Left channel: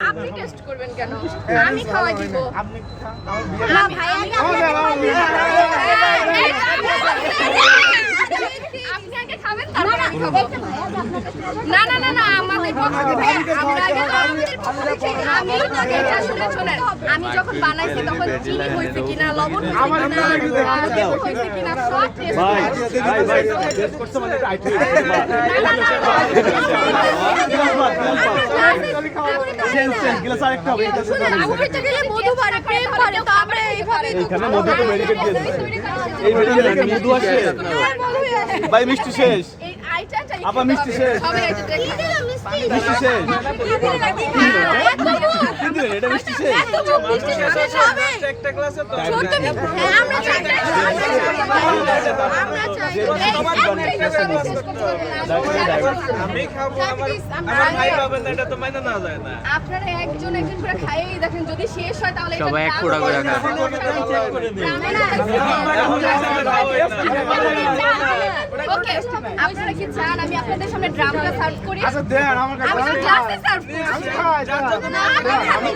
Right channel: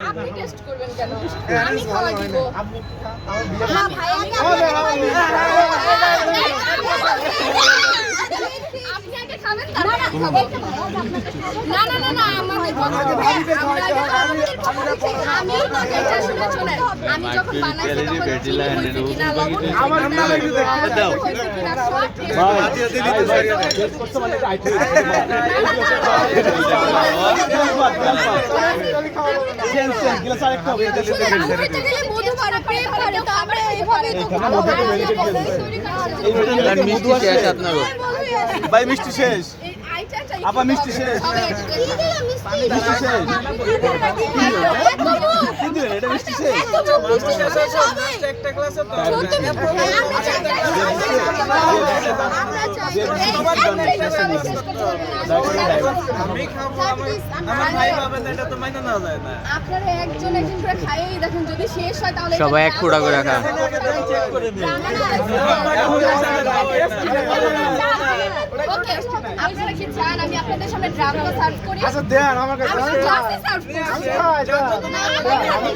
আপনি টেস্ট করবেন কেন আমি খাওয়া দিব বিয়ে আমি আমি আপনি আগে খাবেন না না না না আমাদের পক্ষ থেকে আমরা আমি এটা শুনে শুনেন আমি যখন বানাইছি তখন চিনি হয়েছে কিনা লবণ হয়েছে কিনা লাগে দাও হয়েছে কিনা সব টেস্ট ভাই ভাই ভাই টেস্ট করতে এইখানে মধু তো এই মেডিকেটে মধু আছে। ভাই মিষ্টি শেষ। আপা মিষ্টি শেষ। মিষ্টি শেষ। কিন্তু এটা মিষ্টি শেষ আমি খাব আমার আমার ভাই পাবে না এটা তো মাইনে নেওয়া যায় না আপনারা একজন একজন করে খাইয়েই দেখেন যদি শেষ হয় তাহলে সবাই এক ফোঁটা করে খা। ওকে আপনারা কি চান? আমি আপনাদের সামনে ড্রামটা সার্ভ করি। আচ্ছা দেন আমার কাছে আমি গ্লাসে সার্ভ করছি আমি খাওয়াই দেন। না, আমি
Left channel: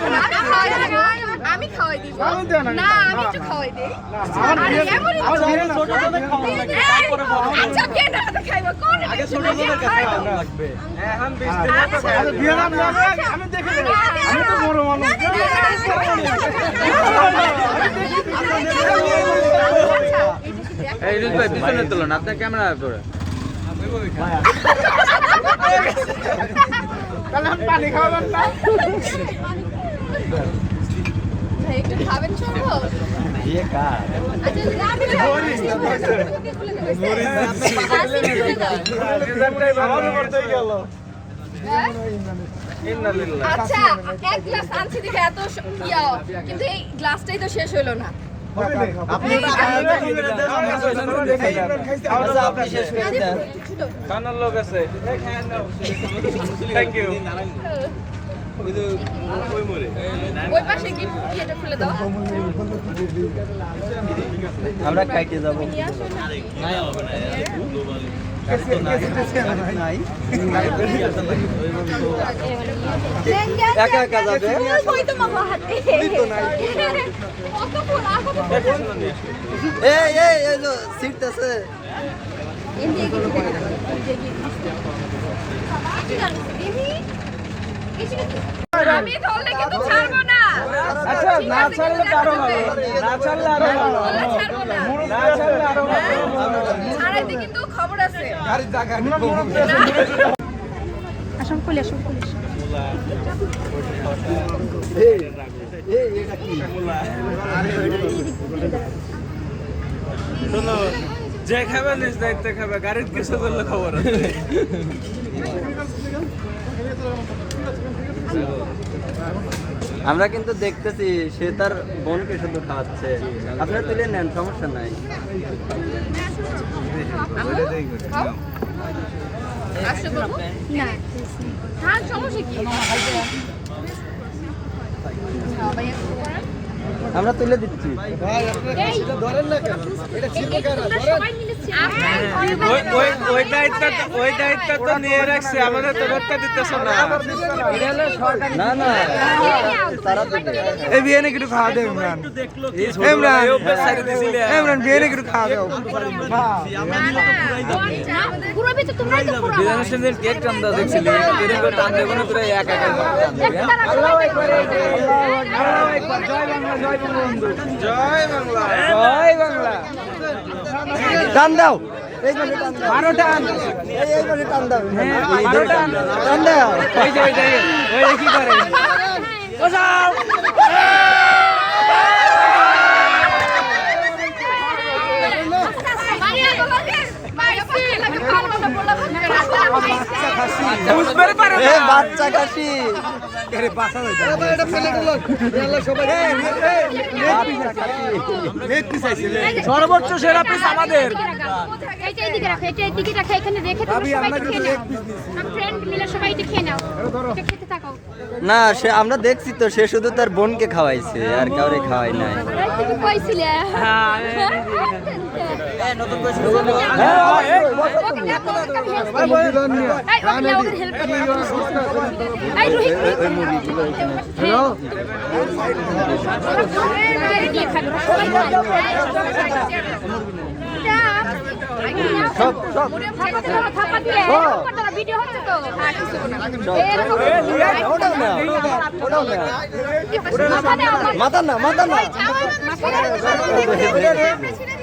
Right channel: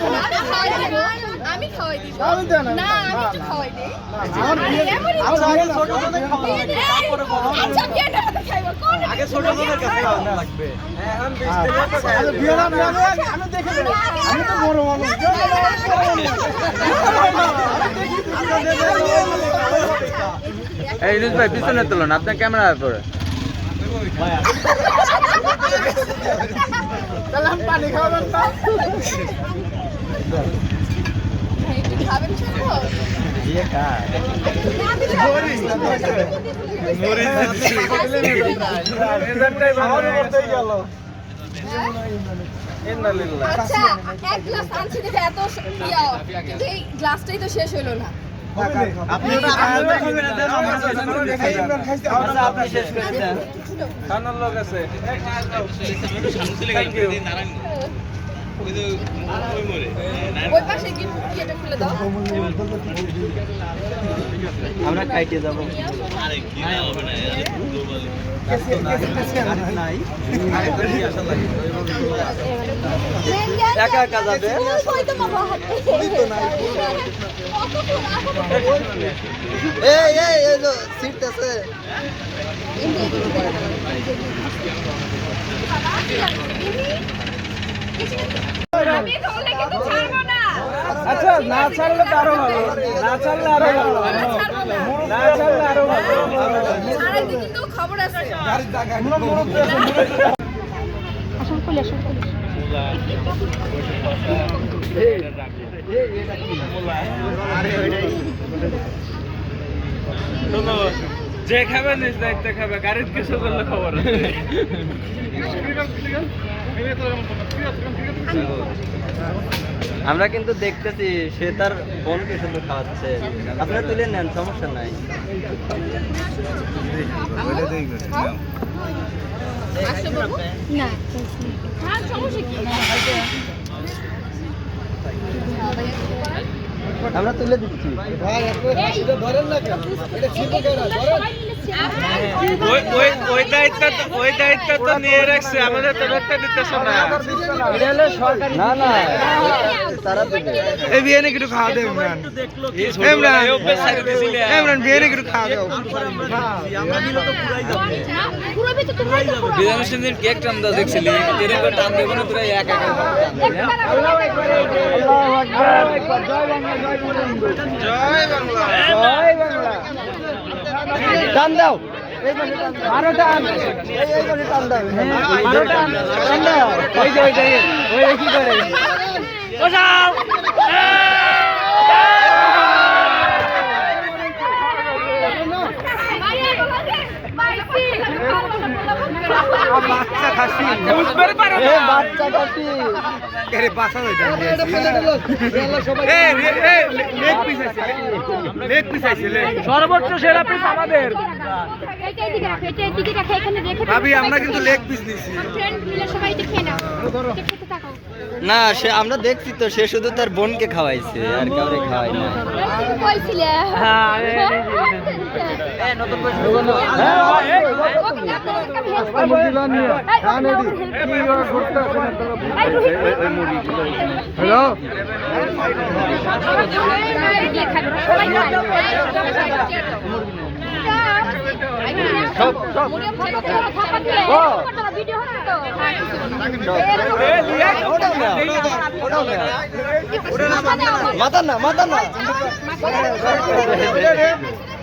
খাওয়াই দিব। আমি খাওয়াই দিব। আমি খাওয়াই দিব। আমি দেন, আমি না আমি একটু খাওয়াই দিই। আমার বিয়ে আমার বিয়ে না আচ্ছা বিয়ে না তো কোন আগে ছোট লাগবে। এখন আচ্ছা বিয়ে না আমি আমি দেখে আমি তো বড় মানুষ। এই ইলিশ ভাই পিছনে তুলুন আপনার ক্যামেরা করে পানি না? একটু খাবেন সম্ভব? আচ্ছা এক গ্লাস আনছি দেখে এত ইয়া, কিন্তু এই গ্লাসটাই তো শেষ হলো না। আমরা খাইতে যাব। একা একা যাবে এই এই সিট আছে আমি ধরলে কিন্তু আচ্ছা আরও ভালো না আরও ভালো না ছাড়লে আরও শোনো যে খাবে নিজ দায়িত্ব খাবে। গাড়ির কিছু করলে খবর আছে। আমরা কিন্তু দেখতেছি সে তার বোনকে শুধু খাওয়াচ্ছে। আপনারা তুলে নেন, সমস্যা নাই। সমস্যা কি? আমরা তুলে দিচ্ছি না না তারা এই বিয়ে একটু খাওয়া দেব ইমরান ইমরান ইমরান বিয়ে একটু খাওয়া দেব কেক টান্দা দেখছিলি টান্দা কোনো তোরা একা জয় বাংলা টান দাও বারো টান টান দাও বারো টান টান দাও ওই কি করে পারো এ বাচ্চা কাশি আরে বাসা হয়ে যায় এই এই লেগ পিস আছে লেগ পিস আছে সর্বোচ্চ সেরা পিস আমাদের ভাবি আমরা কিন্তু লেগ পিস দিছি না সে আমরা দেখছি তো সে শুধু তার বোনকে খাওয়াইছে আর কাউরে খাওয়াই না হেল্প হ্যালো মাথা না মাথা না